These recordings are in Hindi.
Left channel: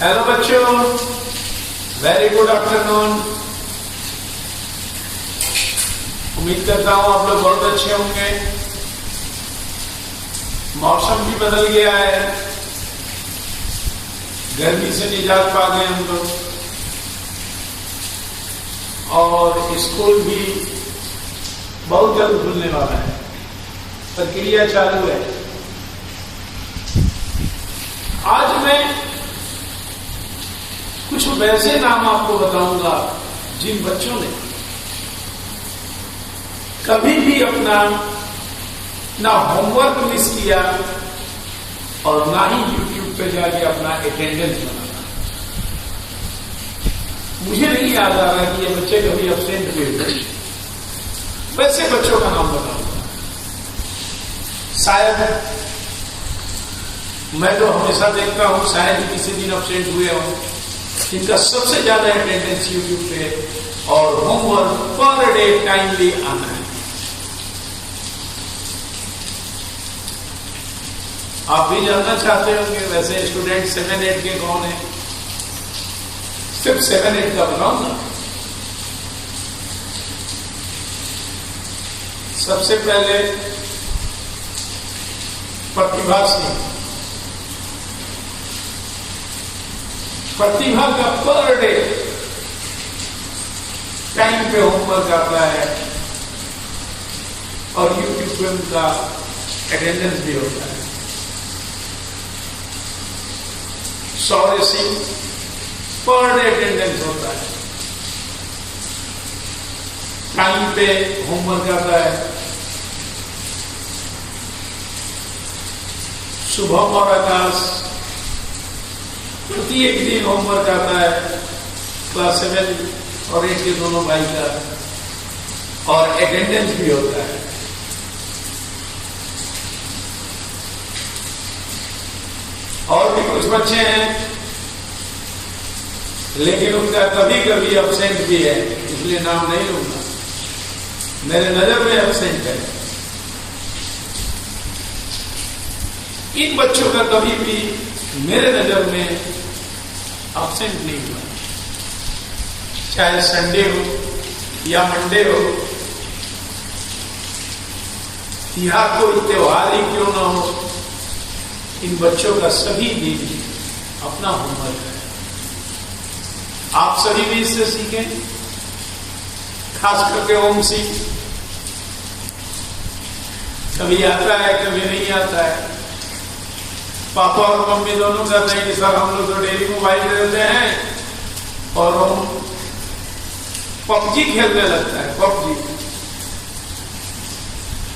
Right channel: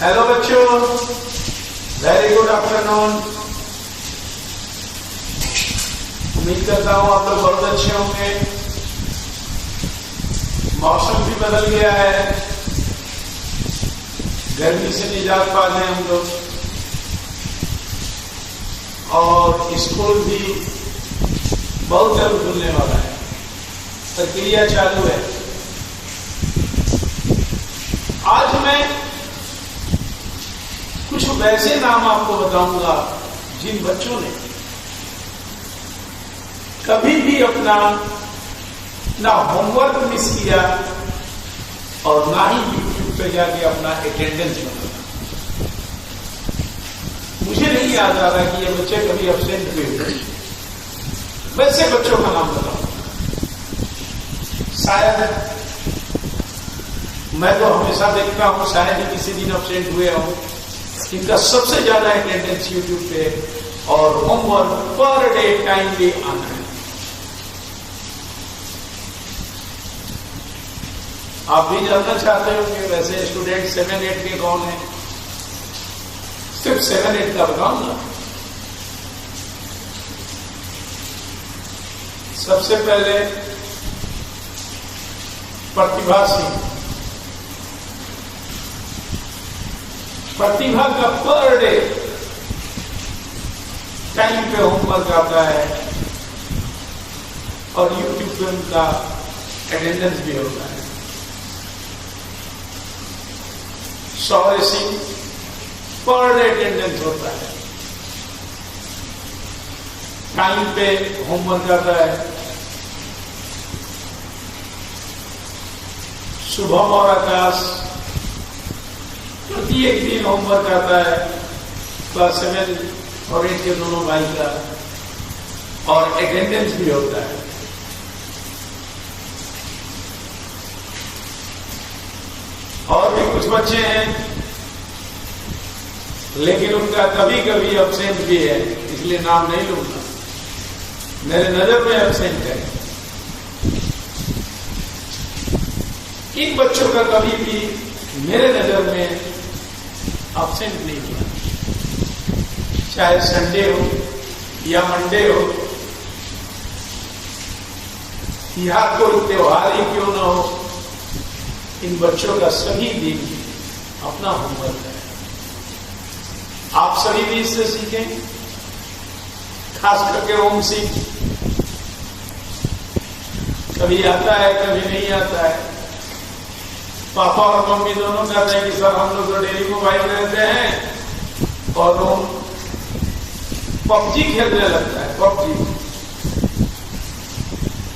हेलो बच्चों, वेरी गुड आफ्टरनून। उम्मीद करता हूं आप लोग बहुत अच्छे होंगे। मौसम भी बदल गया है, गर्मी से निजात पा गए हम लोग और स्कूल भी बहुत जल्द खुलने वाला है, प्रक्रिया चालू है। आज मैं कुछ वैसे नाम आपको बताऊंगा जिन बच्चों ने कभी भी अपना ना होमवर्क मिस किया और ना ही यूट्यूब पे जाके अपना अटेंडेंस बनाना। मुझे नहीं याद आ रहा कि ये बच्चे कभी एब्सेंट हुए। वैसे बच्चों का नाम बताऊंगा। शायद मैं तो हमेशा देखता हूं, शायद ही किसी दिन एब्सेंट हुए हों, जिनका सबसे ज्यादा अटेंडेंस यूट्यूब पे और होमवर्क पर डे टाइमली आना है। आप भी जानना चाहते होंगे वैसे स्टूडेंट 7-8 के कौन है? सिर्फ 7-8 का बताऊंगा। सबसे पहले प्रतिभा सिंह। प्रतिभा का पर डे टाइम पे होमवर्क आता है और यूट्यूब पे उनका अटेंडेंस भी होता है। शौर्य सिंह पर डे अटेंडेंस होता है, टाइम पे होमवर्क आता है। शुभम और आकाश प्रत्येक दिन होमवर्क आता है, क्लास 7 और 8 के दोनों भाई का, और अटेंडेंस भी होता है। और भी कुछ बच्चे हैं लेकिन उनका कभी कभी एब्सेंट भी है, इसलिए नाम नहीं लूंगा, मेरे नजर में एब्सेंट है। इन बच्चों का कभी भी मेरे नजर में एब्सेंट नहीं हुआ, चाहे संडे हो या मंडे हो या कोई त्योहार ही क्यों ना हो, इन बच्चों का सभी दिन अपना होमवर्क है। आप सभी भी इससे सीखें, खास करके ओम सिंह। कभी आता है कभी नहीं आता है। पापा और मम्मी दोनों कहते हैं कि सर हम लोग तो डेली मोबाइल में रहते हैं और वो पबजी खेलने लगता है। पबजी,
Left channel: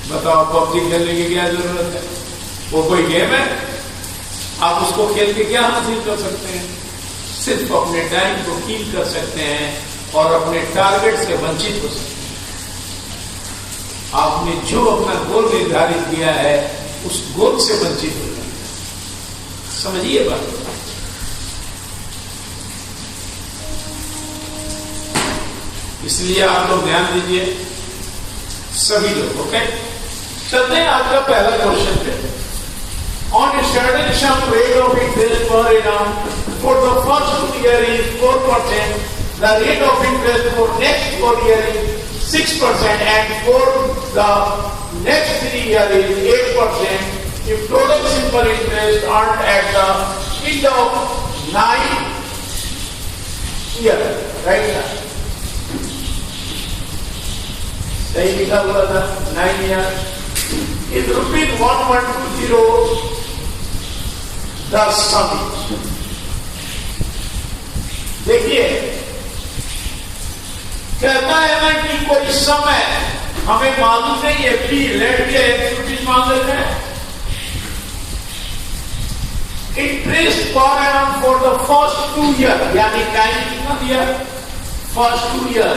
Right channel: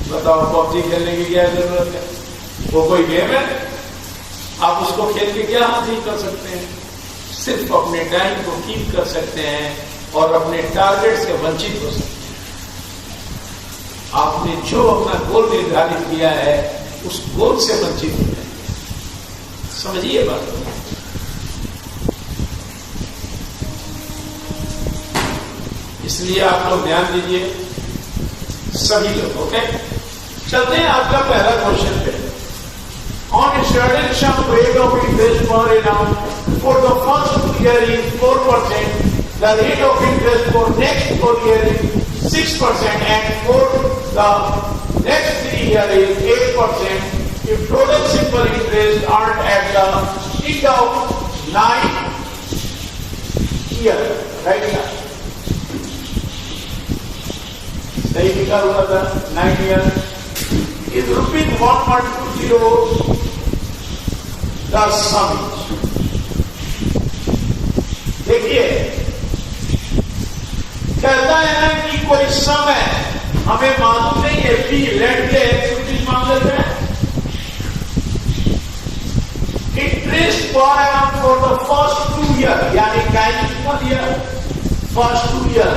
बताओ पबजी खेलने की क्या जरूरत है? वो कोई गेम है? आप उसको खेल के क्या हासिल कर सकते हैं? सिर्फ अपने टाइम को कील कर सकते हैं और अपने टारगेट से वंचित हो सकते हैं। आपने जो अपना गोल निर्धारित किया है उस गोल से वंचित हो जाए। समझिए बात। इसलिए आप लोग ध्यान दीजिए, सभी लोग। ओके, चलते हैं आपका पहला क्वेश्चन पे। On a certain sum rate of interest per annum for the first year is 4%, the rate of interest for next 4 years is 6%, and for the next 3 years is 8%. If total simple interest earned at the end of 9 years, right now, सही लिखा हुआ था 9 years, is rupees 1,120, the sum is। देखिए, कहता है ना कि कोई समय हमें मालूम नहीं है, फी लेट के रुपीज मांग लेते हैं। Interest per annum for the first 2 year, यानी टाइम कितना दिया? फर्स्ट 2 ईयर,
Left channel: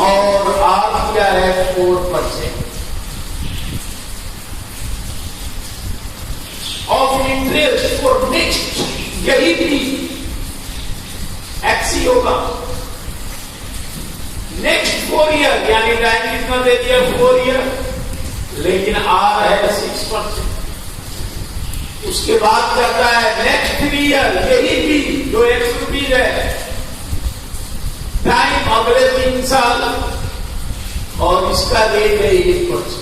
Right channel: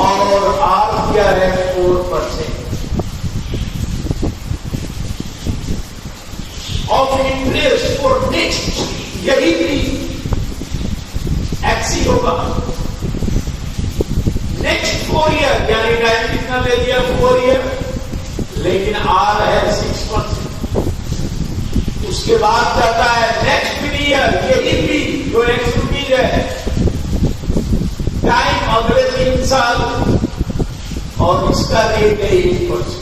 और आर क्या है? 4%। ऑफ इंटरेस्ट फॉर नेक्स्ट, यही भी एक्सी होगा। नेक्स्ट 4 ईयर, यानी टाइम कितना दे दिया? 4 ईयर, लेकिन आर है 6%। उसके बाद कहता है नेक्स्ट 3 ईयर, यही भी जो ₹100 है, टाइम अगले 3 साल, और इसका रेट है 1%।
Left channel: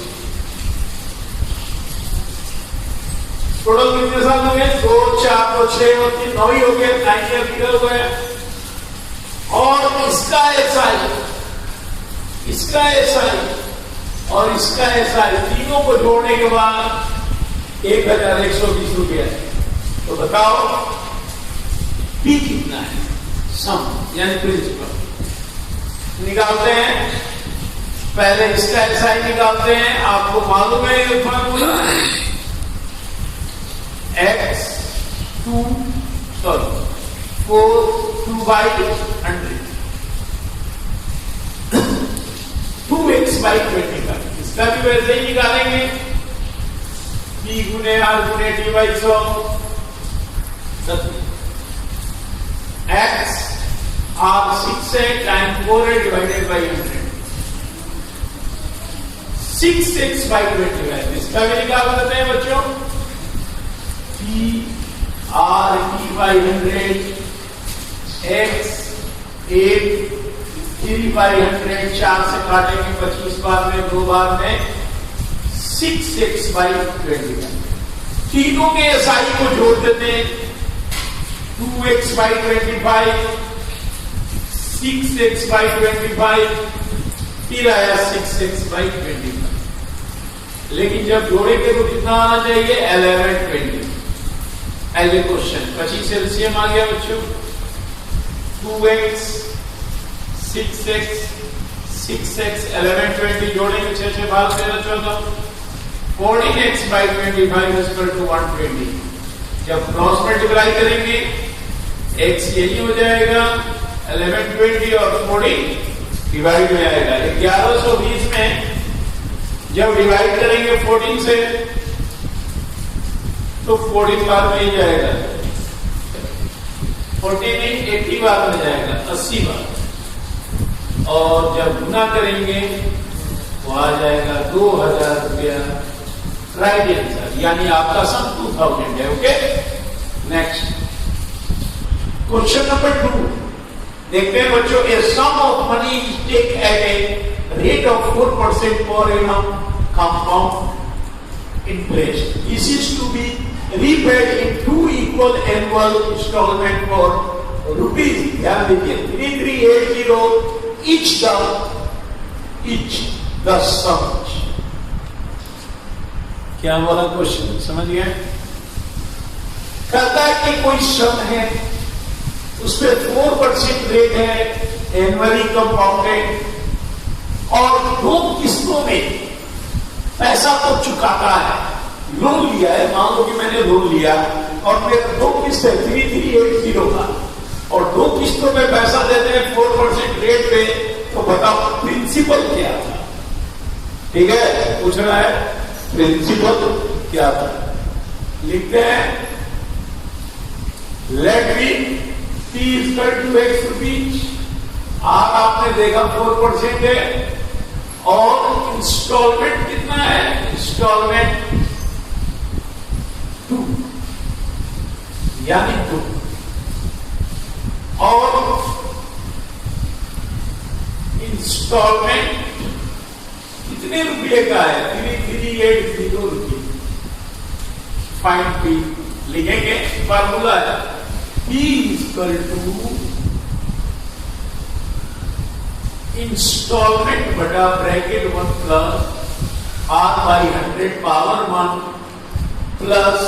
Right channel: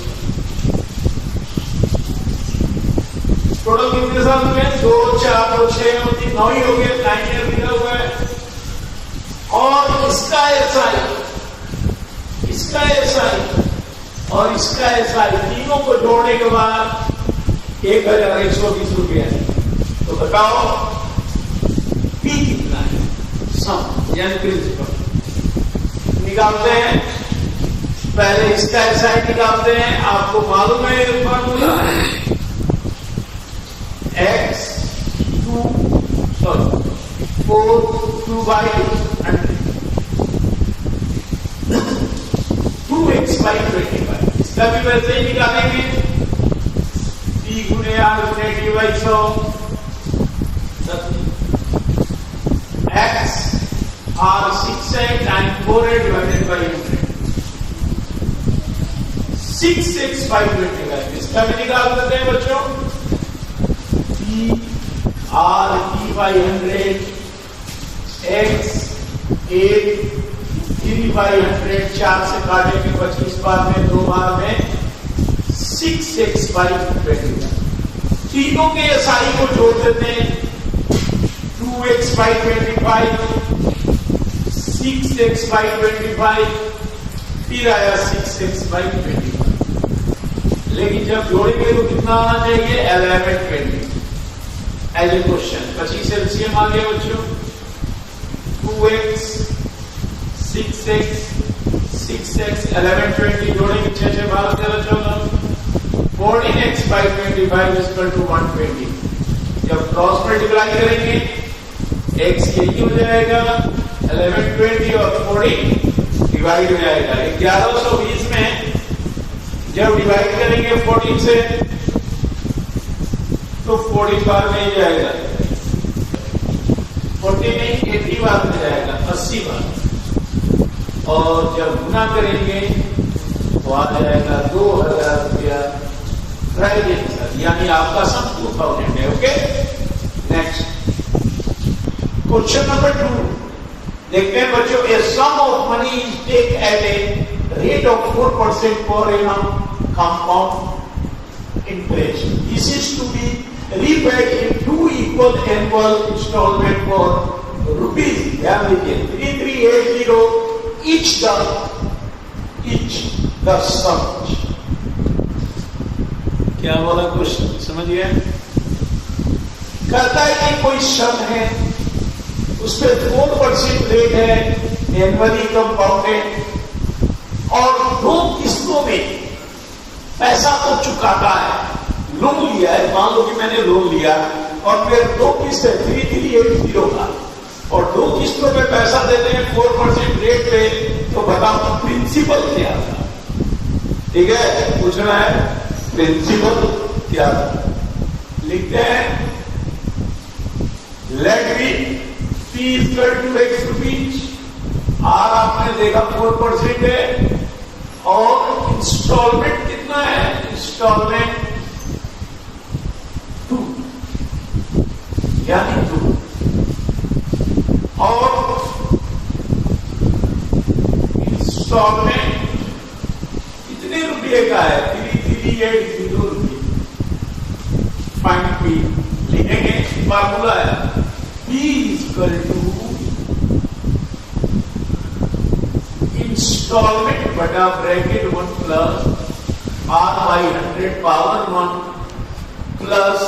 टोटल कितने साल हो गए? 2, 4, 2, 6 और 3, 9 ही हो गए, 9 ईयर निकल हुआ है। और इसका एसआई, इसका एसआई और इसका एसआई, तीनों को जोड़ने के बाद ₹1120 है। तो बताओ पी कितना है? सम यानी प्रिंसिपल निकालते हैं। पहले इसका एसआई निकालते हैं। आपको मालूम है x 2/100 2x/25। इसका भी वैसे ही निकालेंगे, p गुने r गुने d/100 x r 6 है टाइम 4 है डिवाइडेड बाई 100 6x/25। इसका भी निकाल सकते हैं बच्चों, p r d/100 x 8 3/100 4 से काटेंगे 25 बार में, 2 बार में 6x/25। तीनों के एसआई को जोड़ देते हैं, 2x/25 6x/25 फिर आया 6x/25। लेकिन जब जोड़ेंगे तो कितना आना चाहिए? 1120 एज ए क्वेश्चन। 25 एलसीएम आ गया बच्चों, 2x 6x 1120 जोड़ेंगे 6 से भाग 13 14x/25 इज इक्वल टू 120। जब क्रॉस मल्टीप्लाई करेंगे x यही हो जाएगा 1120 और 14 डिवाइड हो जाएगा 1120 में। जब डिवाइड करेंगे 14 से तो 40 बार में ही जाएगा, 40 नहीं 80 बार में जाएगा, 80 बार। और जब गुना करेंगे तो आ जाएगा 2000 रुपया राइट आंसर, यानी आपका सम 2000 है। ओके, नेक्स्ट क्वेश्चन नंबर 2 देखते हैं बच्चों। A sum of money is take at a rate of 4% per annum compound interest. This is to be repaid in 2 equal annual installment for rupees, ध्यान दीजिए, 3380 each the sum। क्या वाला क्वेश्चन समझ गए? कहता है कि कोई सम है, उस पर 4% रेट है, एनुअली कंपाउंडेड, और 2 किस्तों में पैसा तो चुकाता है। लोन लिया है, मान लो कि मैंने लोन लिया और मेरे 2 किस्त है 3380 का, और 2 किस्तों में पैसा देते हैं 4% रेट पे, तो बताओ प्रिंसिपल क्या था? ठीक है, पूछना है प्रिंसिपल क्या था। लिखते हैं let be p = x rupees, r आपने देखा 4% है, और इंस्टॉलमेंट कितना है? इंस्टॉलमेंट 2 यानी 2, और इंस्टॉलमेंट कितने रुपये का है? 3380 रुपये। फाइंड p, लिखेंगे फार्मूला है p = इंस्टॉलमेंट बटा bracket 1 plus r/100 power 1 plus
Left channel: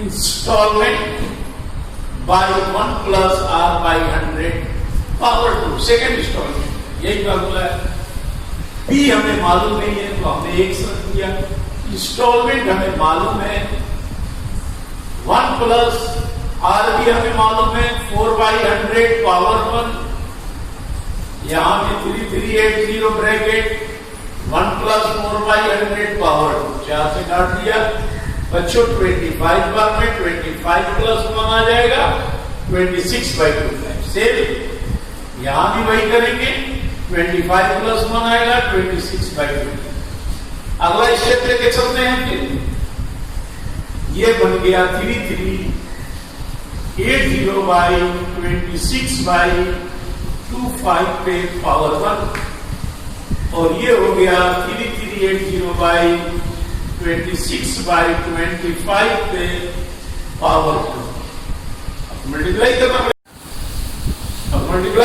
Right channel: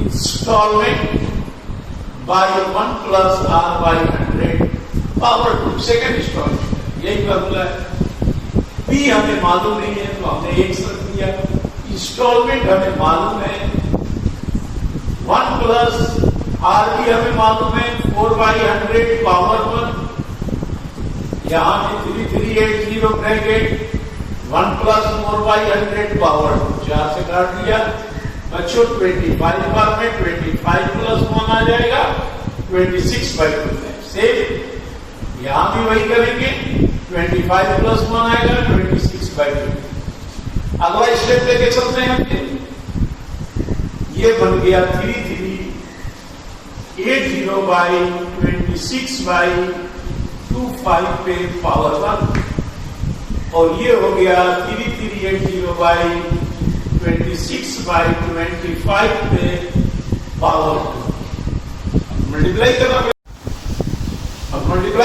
instalment by 1 plus r/100 power 2 second instalment. यही फार्मूला है। p हमें मालूम नहीं है तो हमने 1 रख दिया। इंस्टॉलमेंट हमें मालूम है 1 प्लस r भी हमें मालूम है 4/100 पावर 1, यहां पे 3380 ब्रैकेट 1 प्लस 4/100 पावर 2, 4 से काट दिया बच्चों। 25 बार में 25 प्लस 1 आ जाएगा 26/25। सेम यहां भी वही करेंगे, 25 प्लस 1 आएगा 26/25। अगला स्टेप लेके चलते हैं। फिर ये बन गया 80/26/25 पे पावर 1 और ये हो गया 3380/26/25 पे पावर 2। मल्टीप्लाई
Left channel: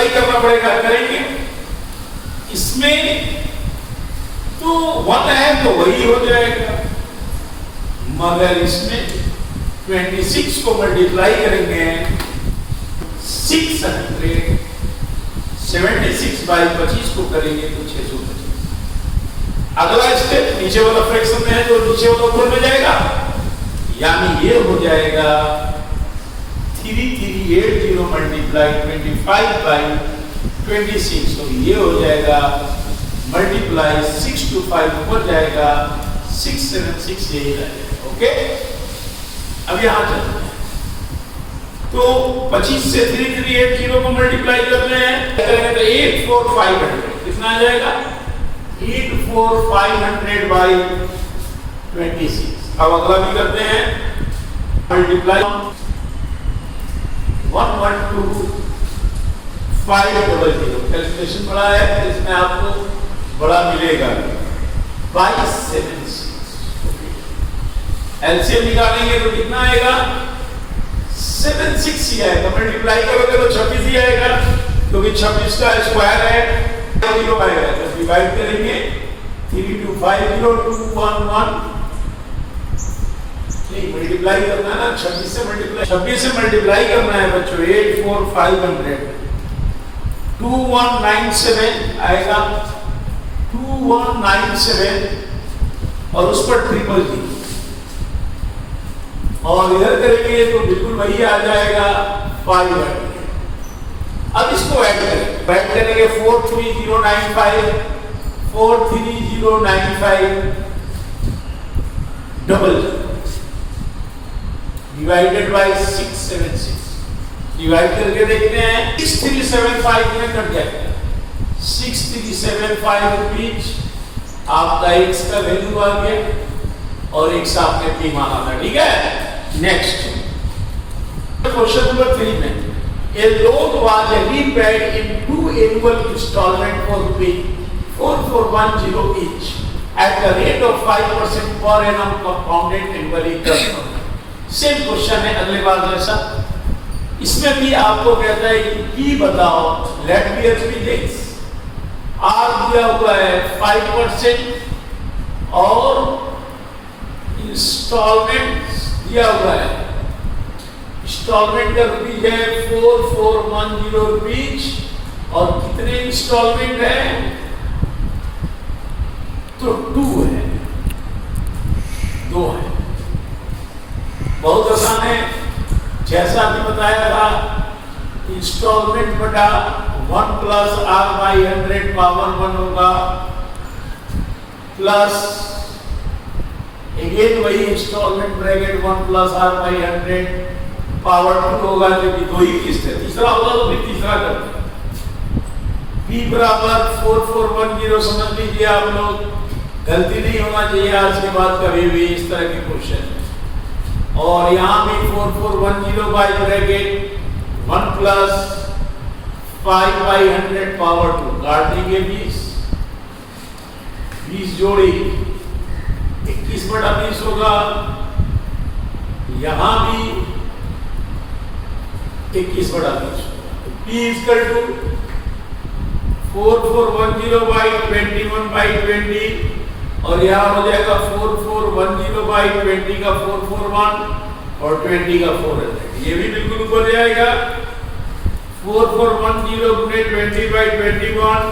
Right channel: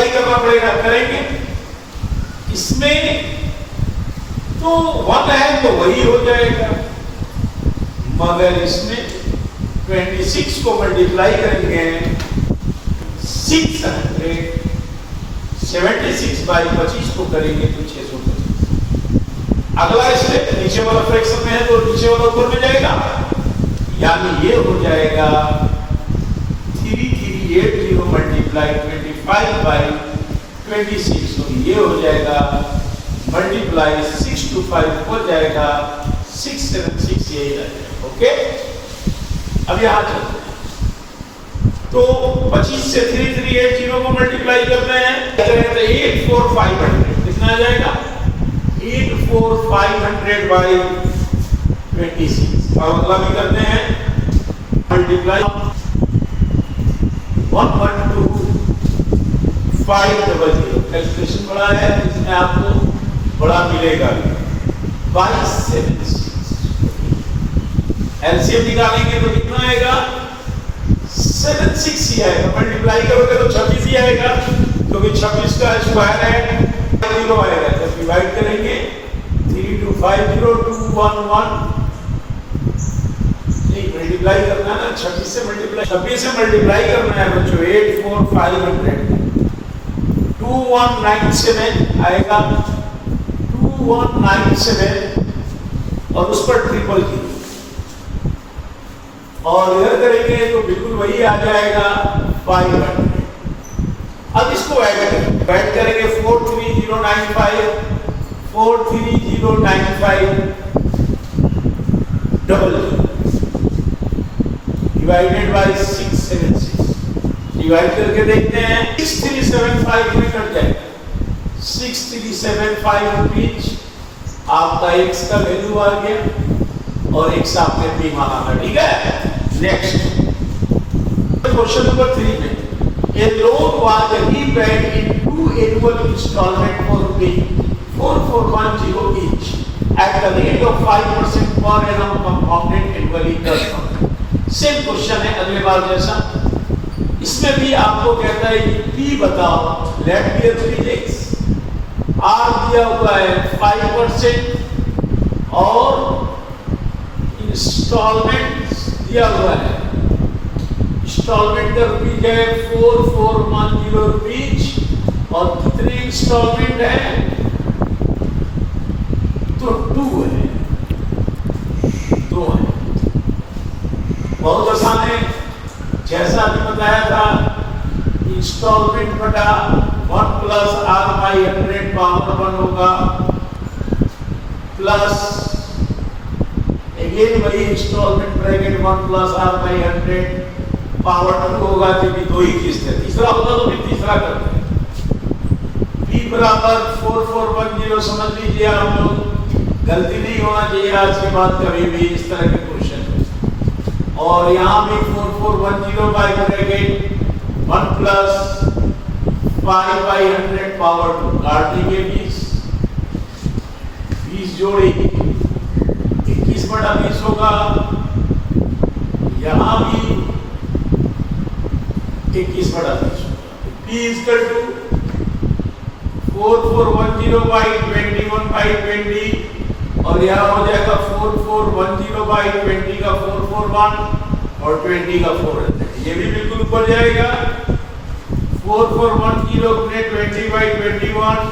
करना पड़ेगा, करेंगे। इसमें तो 1 है तो वही हो जाएगा, मगर इसमें 26 को मल्टीप्लाई करेंगे 676/25 को करेंगे तो 625। अगला स्टेप नीचे वाला फ्रैक्शन में है तो नीचे वाला ऊपर में जाएगा, यानी ये हो जाएगा 3380 × 25/26, तो ये हो जाएगा मल्टीप्लाई 6 to 5 ऊपर जाएगा 676, यही आएगा। ओके, अब यहां चलते हैं। तो 25 से 3380 को मल्टीप्लाई करते हैं तो 84500 कितना आ जाएगा 84500/26। अब अगला भी करते हैं मल्टीप्लाई 112,500 कैलकुलेशन बड़ा है, इसमें आपको बड़ा मिलेगा 2276। एलसीएम निकालेंगे तो कितना आएगा 76 ही आएगा, मल्टीप्लाई करोगे तो 26 ही आएगा, क्योंकि 26 का स्क्वायर है 0 आएगा। जब डिवाइड करेंगे 3250211 मल्टीप्लाई करना है ना, 26 से मल्टीप्लाई करना है बच्चों। 84500 2197 आएगा, 2197 और उस पर 000 और इधर करेंगे तो बिल्कुल वही आ जाएगा 500। अब इसको ऐड करेंगे 43095 डिवाइडेड बाय 676, डिवाइड करके देखते हैं 6375 में कट जाएगा 6375 रुपीज आपका x का वैल्यू आ गया और x आपने p माना था, ठीक है। नेक्स्ट क्वेश्चन नंबर 3 में a loan was repaid in 2 annual installment for paying 4410 each at the rate of 5% per annum compounded annually per month। Same question है अगले बार जैसा, इसमें भी आपको कहता है कि p बताओ, लेट बी एक्स r दिया हुआ है 5% और इंस्टॉलमेंट दिया हुआ है, इंस्टॉलमेंट का रुपीज है 4410 रुपीज और कितने इंस्टॉलमेंट है तो 2 है, 2 है। बहुत आसान है, जैसा कि बताया था इंस्टॉलमेंट बटा 1 प्लस r/100 पावर 1 होगा, प्लस अगेन वही instalment bracket 1 plus r/100 power 2 होगा, क्योंकि 2 ही किस्त है। तीसरा होगा तो फिर तीसरा करते हैं। p बराबर 4410 समझ लीजिए आप लोग, गलती नहीं होना चाहिए आज के बाद कभी भी इस तरह के क्वेश्चन। और यहाँ भी 4410 बाई ब्रैकेट 1 प्लस 5/100 पावर 2 काट देंगे 20 जोड़ी 21/20 होगा, यहाँ भी 21/20 p इक्वल टू 4410/21/20 और यहाँ हो जाएगा 4410/20 का 441 और 20 का 400, ये भी बिल्कुल ऊपर जाएगा। 4410 गुने 20/21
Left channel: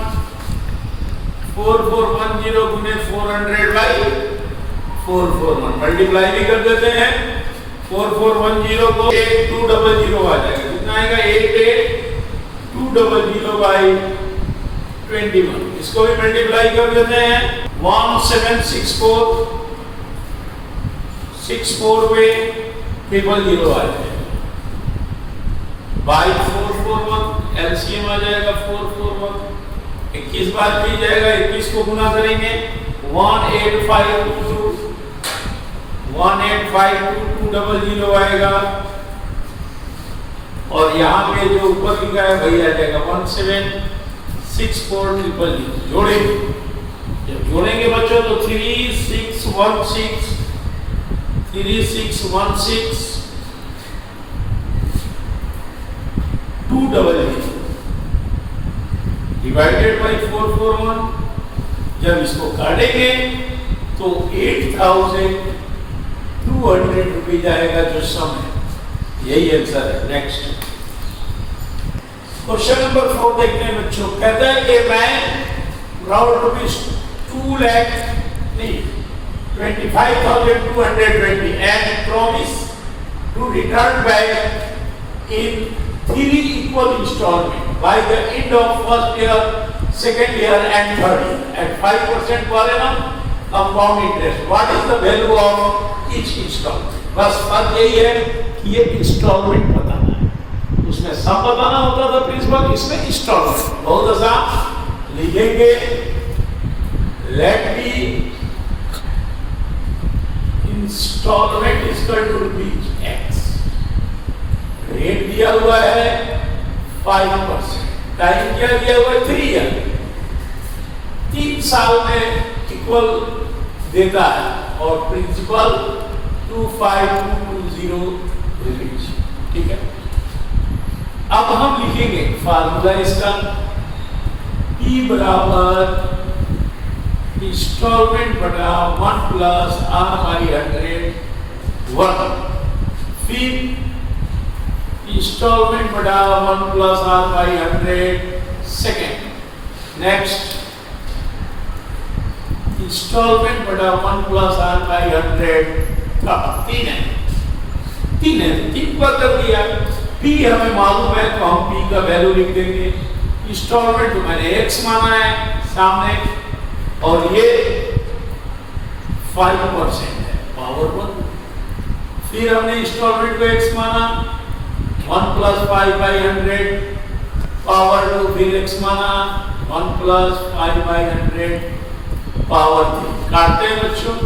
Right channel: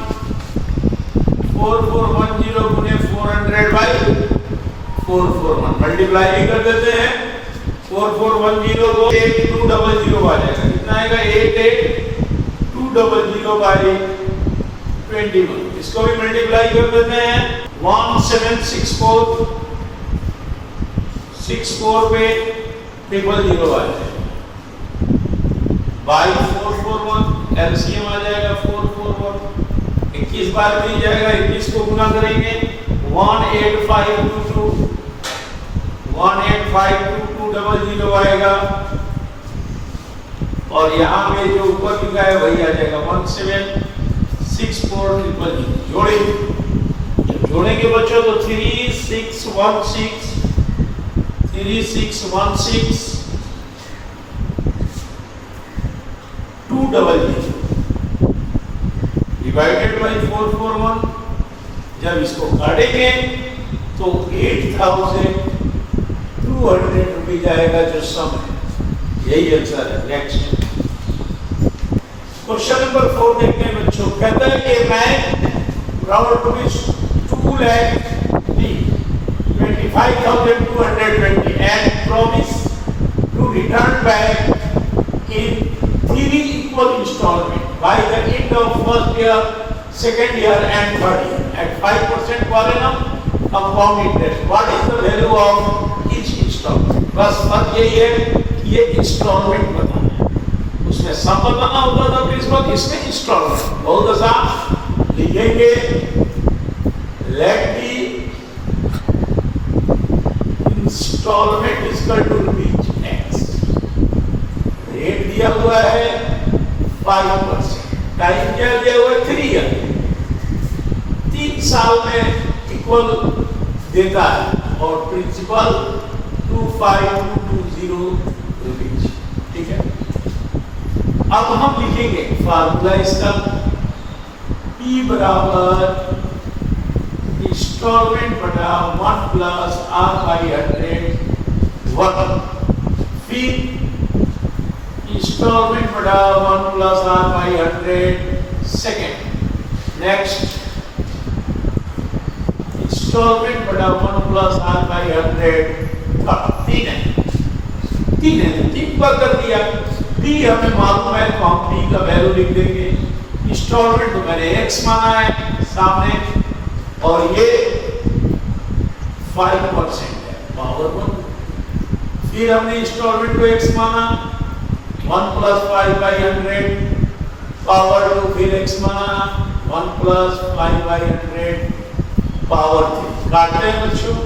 4410 गुने 400/441 मल्टीप्लाई भी कर देते हैं। 4410 को 8200 आ जाएगा, कितना आएगा 88200/21, इसको भी मल्टीप्लाई कर देते हैं 1764 पे 000 आ जाएगा बाई 441 एलसीएम आ जाएगा 441, 21 बार भी जाएगा, 21 को गुना करेंगे 1852200 आएगा और यहाँ पे जो ऊपर लिखा है वही आ जाएगा 176400। जोड़े, जब जोड़ेंगे बच्चों तो 3616 200 डिवाइडेड बाई 441। जब इसको काटेंगे तो 8200 रुपये जाएगा जो सम है। यही आंसर है। नेक्स्ट क्वेश्चन नंबर 4 देखते हैं बच्चों। कहता है कि bank round rupees 25,220 and promise to return back in 3 equal installment by the end of first year, second year and third year at 5% per annum compound interest. What is the value of each installment? बस बात यही है कि ये installment बताना है। उसमें सम बताना होता था प्रिंसिपल, इसमें installment। बहुत आसान लिखेंगे। Let me installment is equal to rupees X। Rate दिया हुआ है 5%, टाइम क्या दिया हुआ है 3 ईयर, 3 साल में इक्वल देता है और प्रिंसिपल 25220 रुपीज। ठीक है, अब हम लिखेंगे फार्मूला इसका। P बराबर इंस्टॉलमेंट बटा 1 प्लस R/100 वर्ग, फिर इंस्टॉलमेंट बटा 1 plus R/100 second. Next instalment बटा 1 प्लस R/100 थर्ड। 3 पर कर दिया। P हमें मालूम है तो हम P का वैल्यू लिख देंगे। इंस्टॉलमेंट तो मैंने X माना है सामने और ये 5% है पावर 1। फिर हमने इंस्टॉलमेंट को X माना, 1 प्लस 5/100 पावर 2, फिर X माना 1 प्लस 5/100 पावर 3। काटते हैं बच्चों,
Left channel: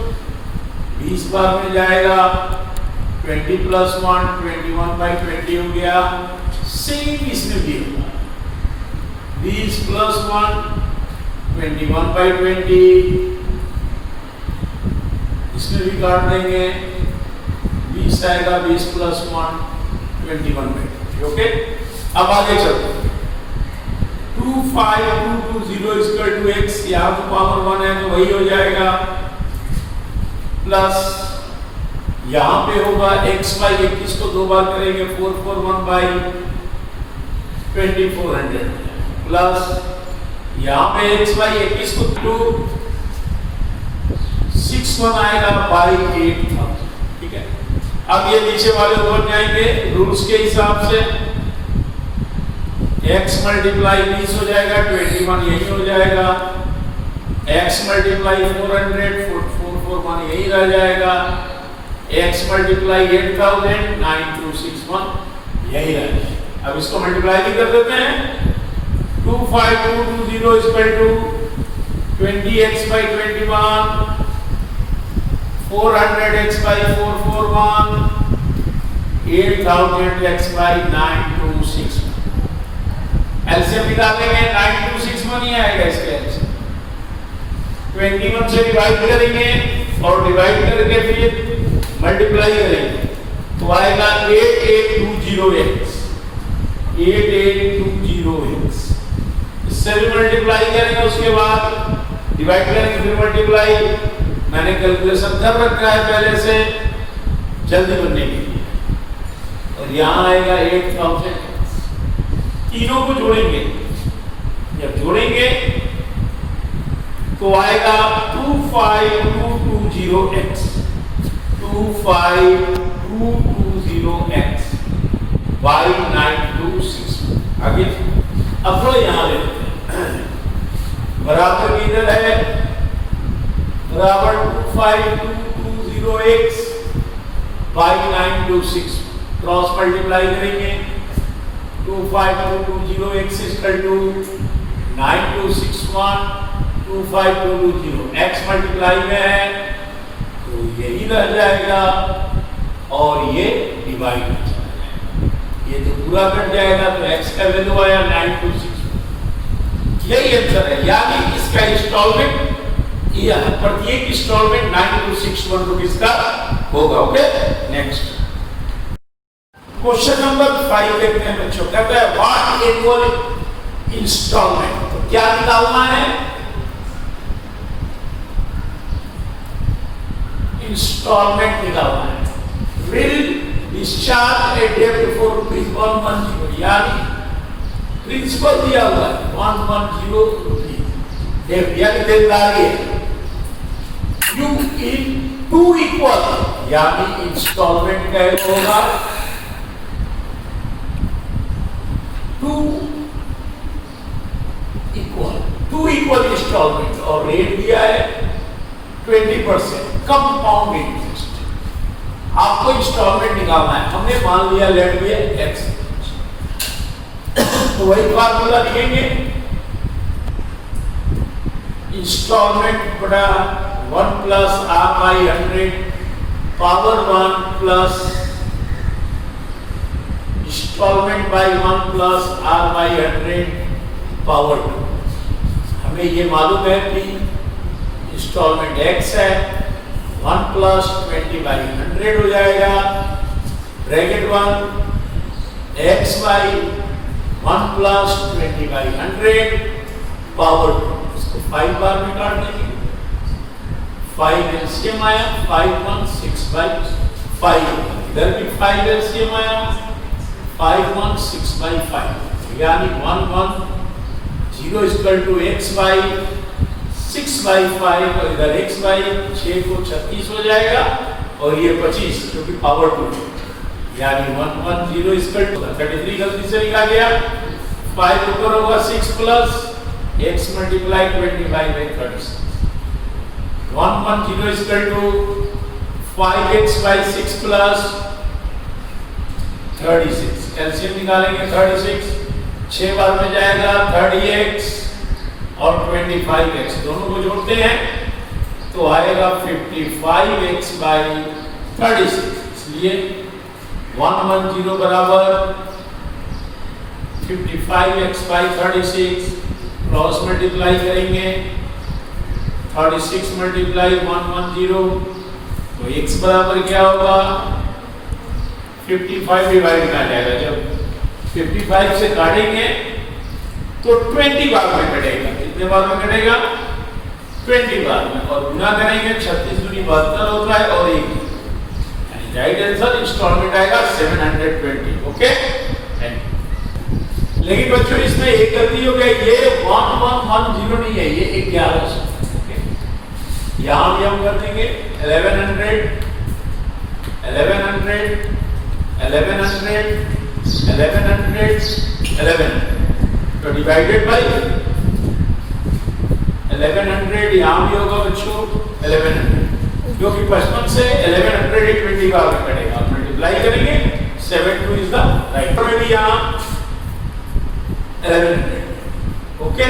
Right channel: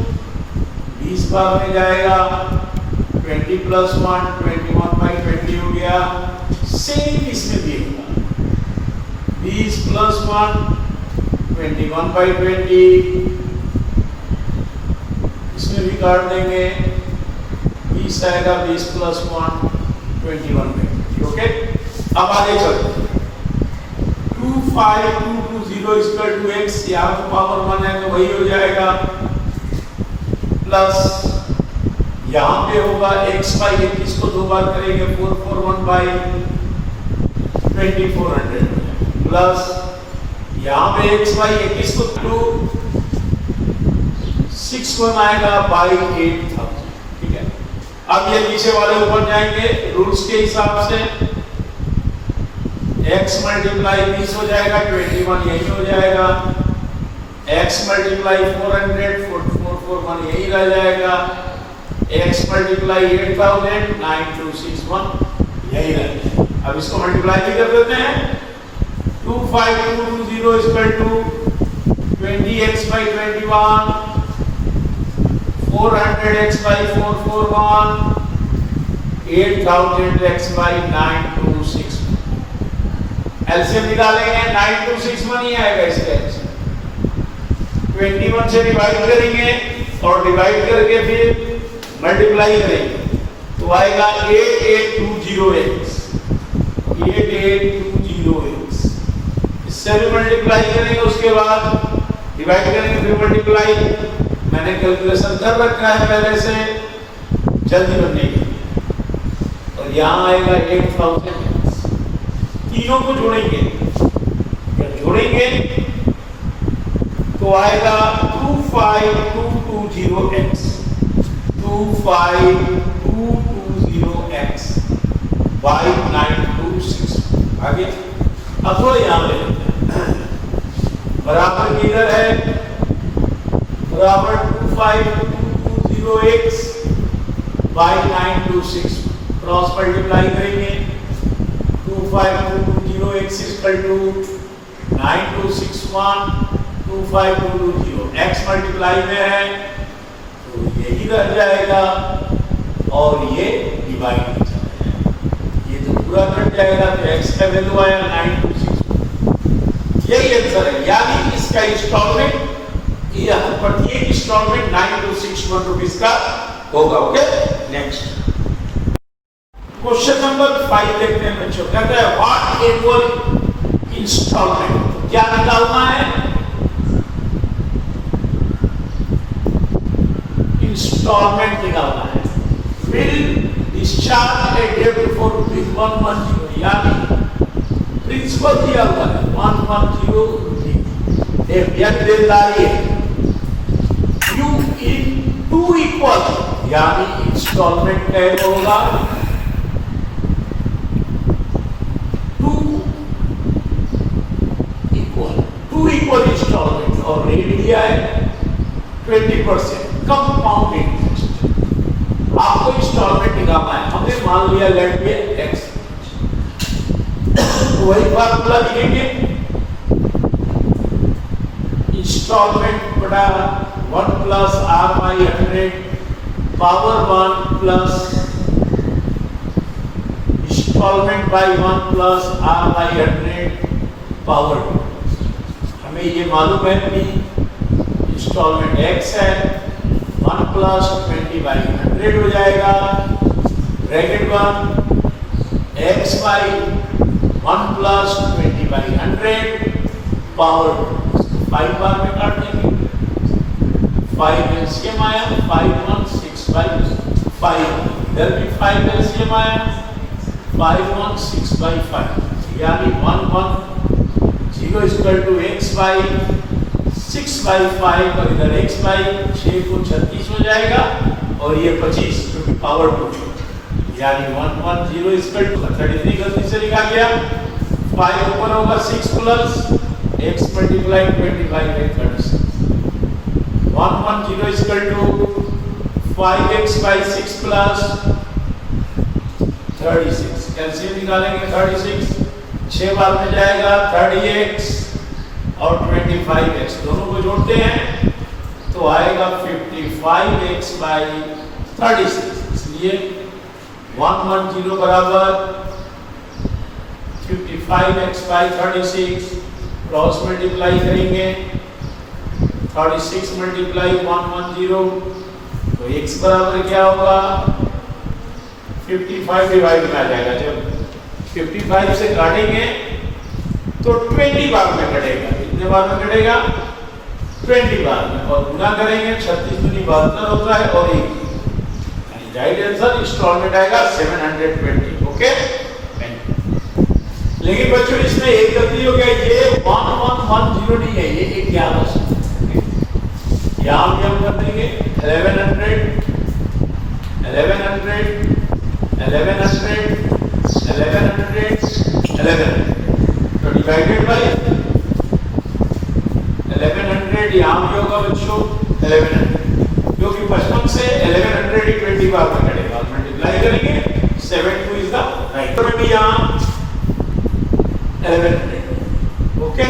20 बार में जाएगा 20 प्लस 1 21/20 हो गया। सेम इसमें भी होगा 20 प्लस 1 21/20, इसमें भी काट देंगे 20 आएगा, 20 प्लस 1 21/20। ओके, अब आगे चलते हैं। 25220 इक्वल टू x, यहाँ तो पावर 1 है तो वही हो जाएगा, प्लस यहाँ पे होगा x/21 को 2 बार करेंगे 441/2400 प्लस यहाँ पे x/21 को 261 आएगा बाई 8000। ठीक है, अब ये नीचे वाले ऊपर जाएंगे रूल्स के हिसाब से। x मल्टीप्लाई 20 हो जाएगा, 21 यही हो जाएगा। x मल्टीप्लाई 400 441 यही रह जाएगा। x मल्टीप्लाई 8000 9261 यही रह जाएगा। अब इसको मल्टीप्लाई भी कर देते हैं। 25220 equal to 20x/21 400x/441 8000x/9261। LCM निकालेंगे 9261 ही आएगा इसका एलसीएम। 21 से डिवाइड करेंगे और डिवाइड करके फिर मल्टीप्लाई करेंगे तो आएगा 8820x। 8820x इससे भी मल्टीप्लाई करेंगे, उसके बाद डिवाइड करेंगे फिर मल्टीप्लाई। मैंने कैलकुलेशन कर रखा है पहले से जल्दी बनने के लिए। और यहाँ आएगा 8000। तीनों को जोड़ेंगे, जब जोड़ेंगे तो आएगा 25220x 25220x बाई 926। आगे अब थोड़ा यहाँ ले लेते हैं, बराबर इधर है बराबर 25220x बाई 926 क्रॉस मल्टीप्लाई करेंगे। 25220x equal to 9261 25220 x multiply में है तो यही रह जाएगा और ये डिवाइड हो जाएगा। ये तो पूरा कट जाएगा, तो x का वैल्यू आया 9261। यही आंसर है, यानी इसका इंस्टॉलमेंट, यह प्रत्येक इंस्टॉलमेंट 9261 रुपीस का होगा। ओके, नेक्स्ट क्वेश्चन नंबर 5 देखते हैं बच्चों। कहता है व्हाट एनुअल इंस्टॉलमेंट, तो क्या निकालना है? इंस्टॉलमेंट निकालना है। Will discharge a day before rupees 110, यानी प्रिंसिपल दिया हुआ है 110 रुपीज, यानी देनदारी है। यू इन 2 इक्वल, यानी इंस्टॉलमेंट क्या होगा? 2 इक्वल इंस्टॉलमेंट, और रेट दिया है 20% कंपाउंड इंटरेस्ट। आपको इंस्टॉलमेंट निकालना है, हमने मान लिया लेट बी एक्स, तो वही फार्मूला लिखेंगे, इंस्टॉलमेंट बटा 1 plus r by 100 power 1 plus instalment by 1 plus r by 100 power 2। हमें ये मालूम है कि इंस्टॉलमेंट x है, 1 प्लस 20 बाई 100 हो जाएगा, bracket 1 x by 1 plus 20 by 100 power 2, 5 बार में काट देंगे, 5 एलसीएम आया, 5 1 6 बाई 5, इधर भी 5 एलसीएम आया, 5 1 6 बाई 5, यानी 1 1 0 equal to x by 6 by 5, और इधर x बाई 6 को 36 हो जाएगा, और ये 25 क्योंकि पावर 2, यानी 1 1 0 इक्वल टू 33 गलती से लिखा गया, 5 ऊपर होगा 6 plus x multiply 25 by 36, 1 1 0 equal to 5x by 6 plus 36, LCM निकालेंगे 36, 6 बार में जाएगा 30x और 25x, दोनों को जोड़ते हैं तो आएगा 55x बाई 36, इसलिए 110 बराबर 55x बाई 36, क्रॉस मल्टीप्लाई करेंगे 36 मल्टीप्लाई 110, तो x बराबर क्या होगा? 55 डिवाइड में आ जाएगा, जब 55 से काटेंगे तो 20 बार में कटेगा, कितने बार में कटेगा? 20 बार में, और गुना करेंगे 36 दूनी 72 होता है, और एक, यानी राइट आंसर इंस्टॉलमेंट आएगा 720। ओके, लेकिन बच्चों इसमें एक गलती हो गई, ये 1110 नहीं है, ये 1100। यहां भी हम कर देंगे 1100 1100 1100 1100 तो डिवाइडेड बाय 1100, यहाँ भी होगा बच्चों 1100, क्योंकि 55 से 1100 ही 20 बार में कटेगा, मल्टीप्लाई करेंगे 72 इज द राइट, और भी यहाँ 1100। ओके,